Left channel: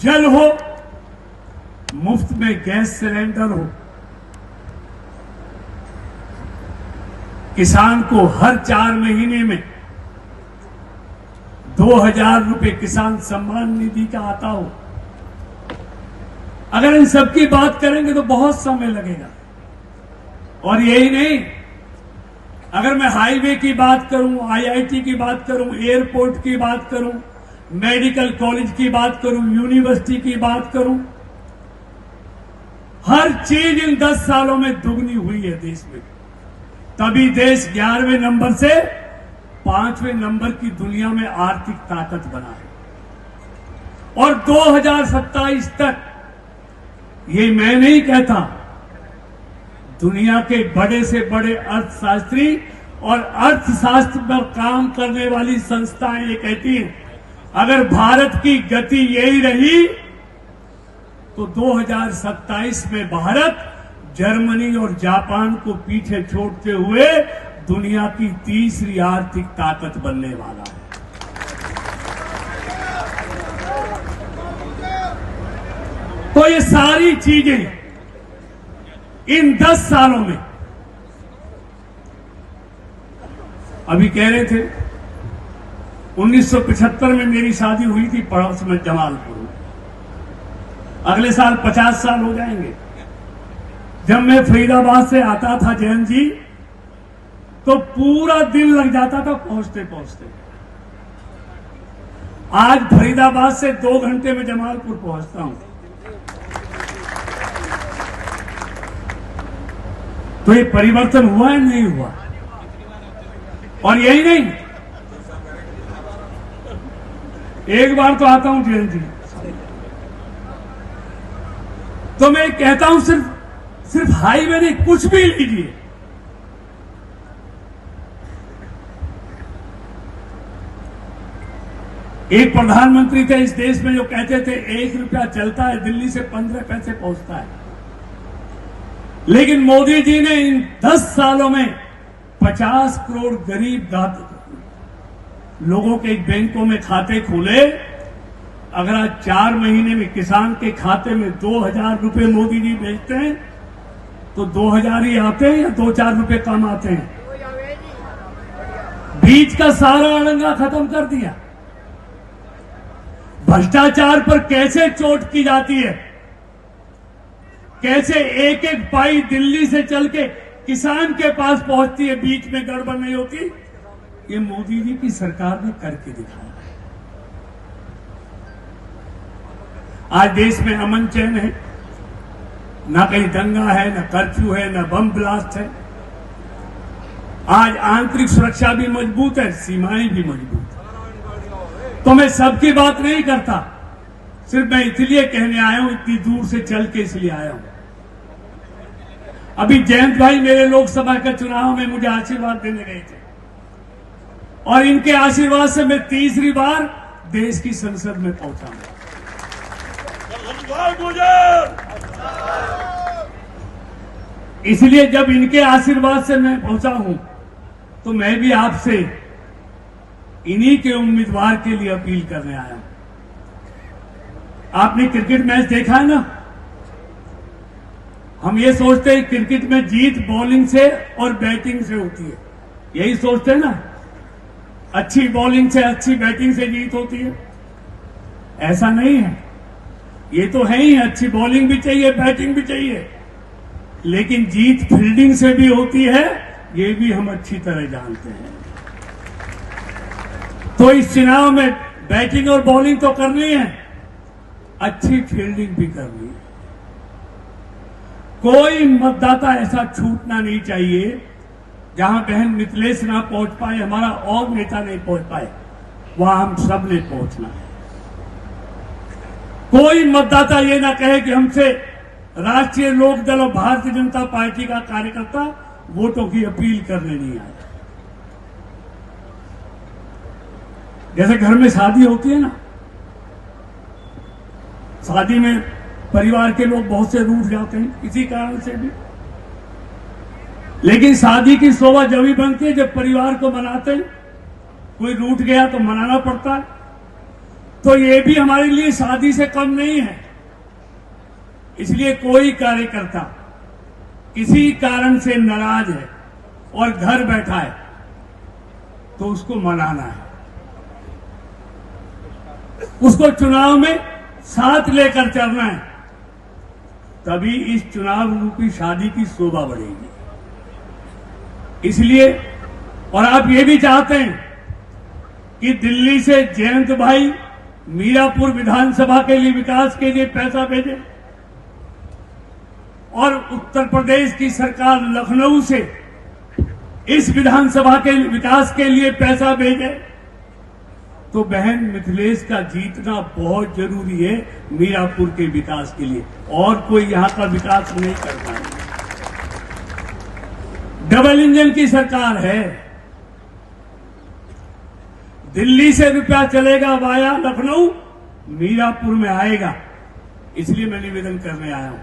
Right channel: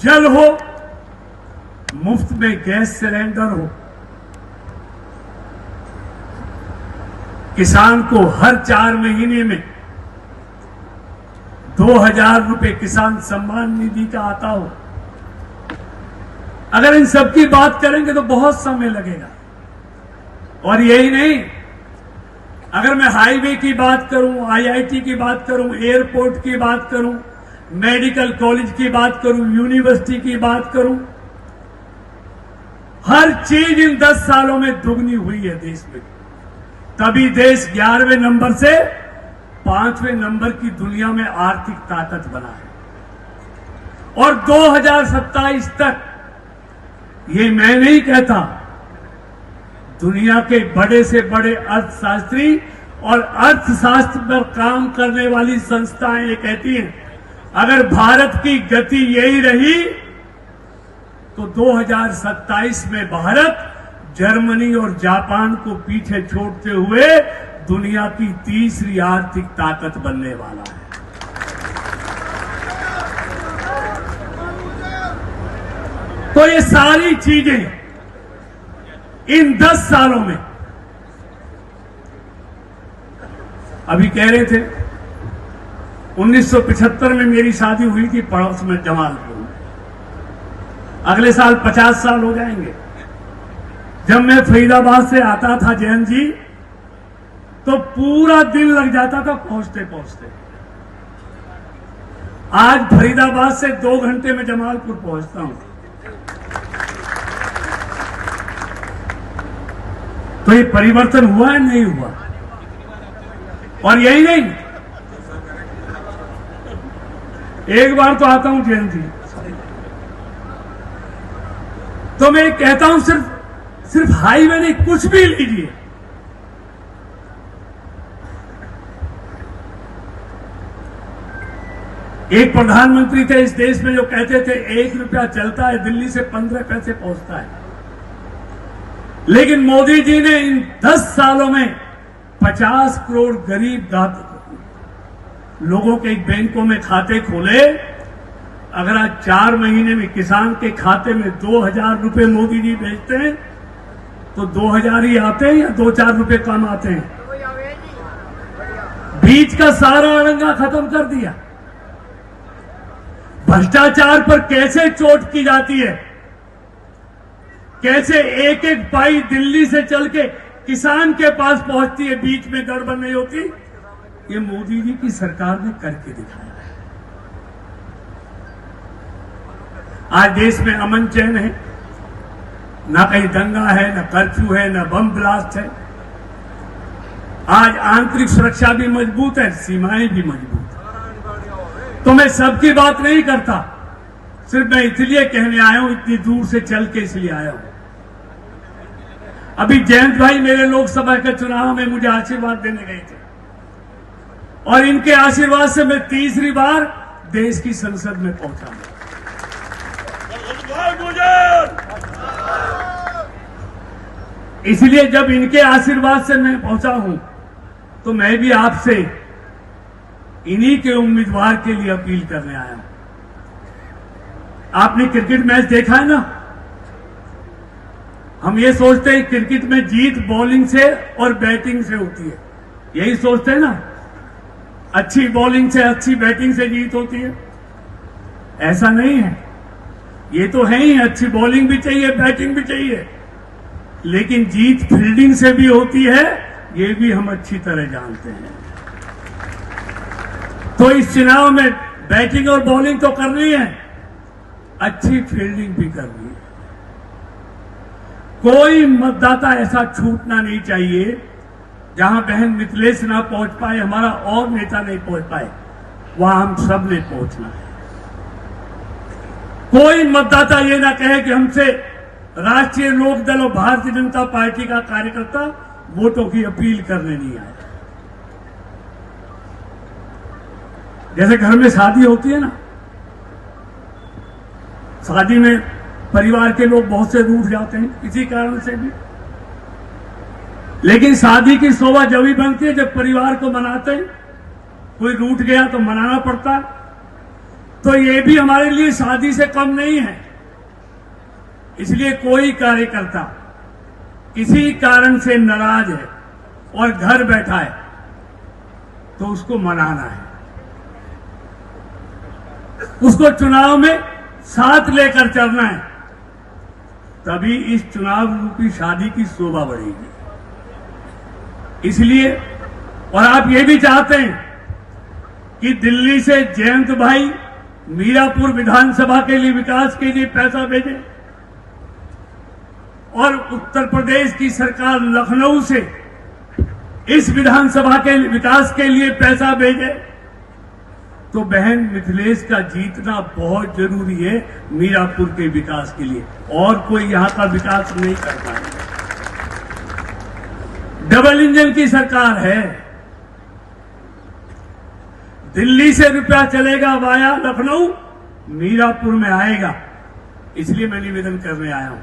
जल हो, मुफ्त में गैस सिलेंडर हो, किसान को हर 4 महीने में 2000 रुपए किसान सम्मान निधि का आता हो। अगर इन सब की बात करेंगे तो बहुत समय लगेगा। और यही नहीं, अगर मैं हाईवे की बात करूं, आईआईटी की बात करूं, एयरपोर्ट की बात करूं, मेडिकल कॉलेज की बात करूं, यूनिवर्सिटी की बात करूं, हर चीज इन 10 सालों में दुगनी हुई है देश में। तभी देश 11वें नंबर से 5वें नंबर की दुनिया में आर्थिक ताकत बना है। और 2027 तक, ये मैं नहीं कहता, दुनिया के बड़े से बड़े अर्थशास्त्री और अर्थशास्त्र पर काम करने वाली संस्थाएं ये कहती हैं, अगर भारत की गति यही रही तो 2027 में भारत जर्मनी और जापान को पीछे छोड़ते हुए दुनिया की तीसरी आर्थिक ताकत बनने वाला है। तो ये सारी चीजें इन 10 सालों में, अभी कह रहे थे 1975 में मेरी शादी हुई थी पड़ोस में जमालपुर में। अगले साल 50 साल हो जाएंगे। जब मैं फरीदाबाद से आता था जयंत जी, तो पूरा दिन लग जाता था पहुंचते पहुंचते। आज फरीदाबाद से 2 घंटे में जमालपुर पहुंचता हूं। तो ये परिवर्तन हुआ है, नहीं हुआ? और यही नहीं, एक बार तो आता हूं जयंत जी, तो मैं कहता हूं सिर्फ हाईवे नहीं, कुछ भी लीजिए, एक प्रधानमंत्री थे इस देश में जो कहते थे 1 रुपया चलता है दिल्ली से 15 पैसे पहुंचता है। लेकिन मोदी जी ने इन 10 सालों में 50 करोड़ गरीब लोगों के बैंकों में खाते खोले। अगर आज 4 महीने में किसान के खाते में 2000 रुपए मोदी जी भेजते हैं तो 2000 ही आते हैं या 2-4 रुपए कम आते हैं? बीच का सारा अड़ंगा खत्म कर दिया। भ्रष्टाचार पर कैसे चोट की जाती है, कैसे एक एक पाई दिल्ली से चल के किसान के पास पहुंचती है, बीच में गड़बड़ नहीं होती, ये मोदी जी की सरकार ने करके दिखाया है। आज देश में अमन चैन है, ना कहीं दंगा है, ना कर्फ्यू है, ना बम ब्लास्ट है। आज आंतरिक सुरक्षा भी मजबूत है, सीमाएं भी मजबूत है। तो मैं सबकी बात नहीं करता, सिर्फ मैं इसलिए कहने आया हूं, इतनी दूर से चल के इसलिए आया हूं। अभी जयंत भाई मेरे लोकसभा के चुनाव में मुझे आशीर्वाद देने गए थे और इनके आशीर्वाद से मैं तीसरी बार देश की संसद में पहुंचा। इसलिए जब इनके आशीर्वाद से मैं पहुंचा हूं तो मैं भी आपसे इन्हीं के उम्मीदवार के लिए अपील करने आया हूं। आपने क्रिकेट मैच देखा है ना? हम ये सोचते हैं क्रिकेट में जीत बॉलिंग से और बैटिंग से होती है, यही सोचते हैं ना? अच्छी बॉलिंग से, अच्छी बैटिंग से जीत होती है। ऐसा नहीं है। ये तो है ही, अच्छी बॉलिंग भी चाहिए, बैटिंग भी चाहिए, लेकिन जीत फील्डिंग से भी होती है, ये भी हम अच्छी तरह जानते हैं। तो इस चुनाव में बैटिंग और बॉलिंग तो करनी है, अच्छी फील्डिंग भी करनी है। कोई मतदाता ऐसा छूटना नहीं चाहिए जहां बहन मिथिलेश ना पहुंच पाए, हमारा और नेता नहीं पहुंच पाए, वहां हम सब ने पहुंचना है। कोई मतदाता ये ना कहे कि हमसे राष्ट्रीय लोकदल और भारतीय जनता पार्टी का कार्यकर्ता वोटों की अपील करने नहीं आए। जैसे घर में शादी होती है ना, शादी में परिवार के लोग बहुत से रूठ जाते हैं किसी कारण से भी, लेकिन शादी की शोभा जब ही बनती है जब परिवार को मनाते हैं। कोई रूठ गया तो मनाना पड़ता है। तो तो ये भी हमारे लिए शादी से कम नहीं है। इसलिए कोई कार्यकर्ता किसी कारण से नाराज है और घर बैठा है तो उसको मनाना है, उसको चुनाव में साथ लेकर चलना है, तभी इस चुनाव रूपी शादी की शोभा बढ़ेगी। इसलिए और आप ये भी चाहते हैं कि दिल्ली से जयंत भाई मीरापुर विधानसभा के लिए विकास के लिए पैसा भेजे और उत्तर प्रदेश की सरकार लखनऊ से इस विधानसभा के विकास के लिए पैसा भेजे, तो बहन मिथिलेश का जीतना बहुत जरूरी है मीरापुर के विकास के लिए, और कोई यहां का विकास नहीं करता है। डबल इंजन की सरकार है, दिल्ली से रुपया चलेगा वाया लखनऊ, मीरापुर में आएगा। इसलिए मैं निवेदन करने आया हूं,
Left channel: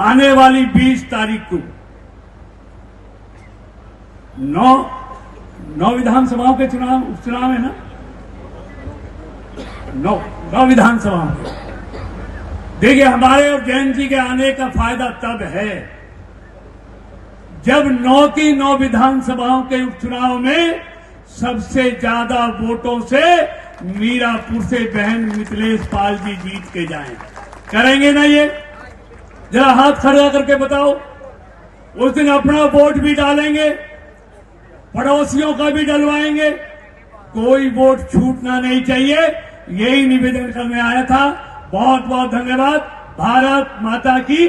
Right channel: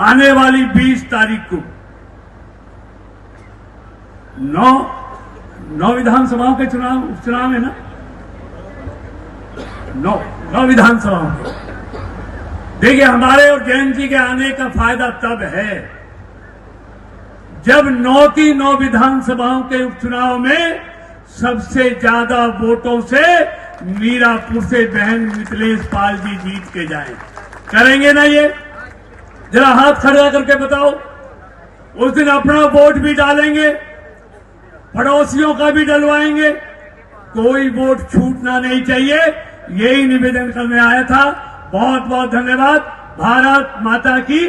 आने वाली 20 तारीख को 9 विधानसभाओं के चुनाव है ना, 9 विधानसभाओं के। देखिए, हमारे और जैन जी के आने का फायदा तब है जब 9 की 9 विधानसभाओं के उपचुनाव में सबसे ज्यादा वोटों से मीरापुर से बहन मिथिलेश पाल जी जीत के जाएं। करेंगे ना ये? जरा हाथ खड़ा करके बताओ। उस दिन अपना वोट भी डालेंगे, पड़ोसियों का भी डलवाएंगे, कोई वोट छूटना नहीं चाहिए। यही निवेदन करने आया था। बहुत बहुत धन्यवाद। भारत माता की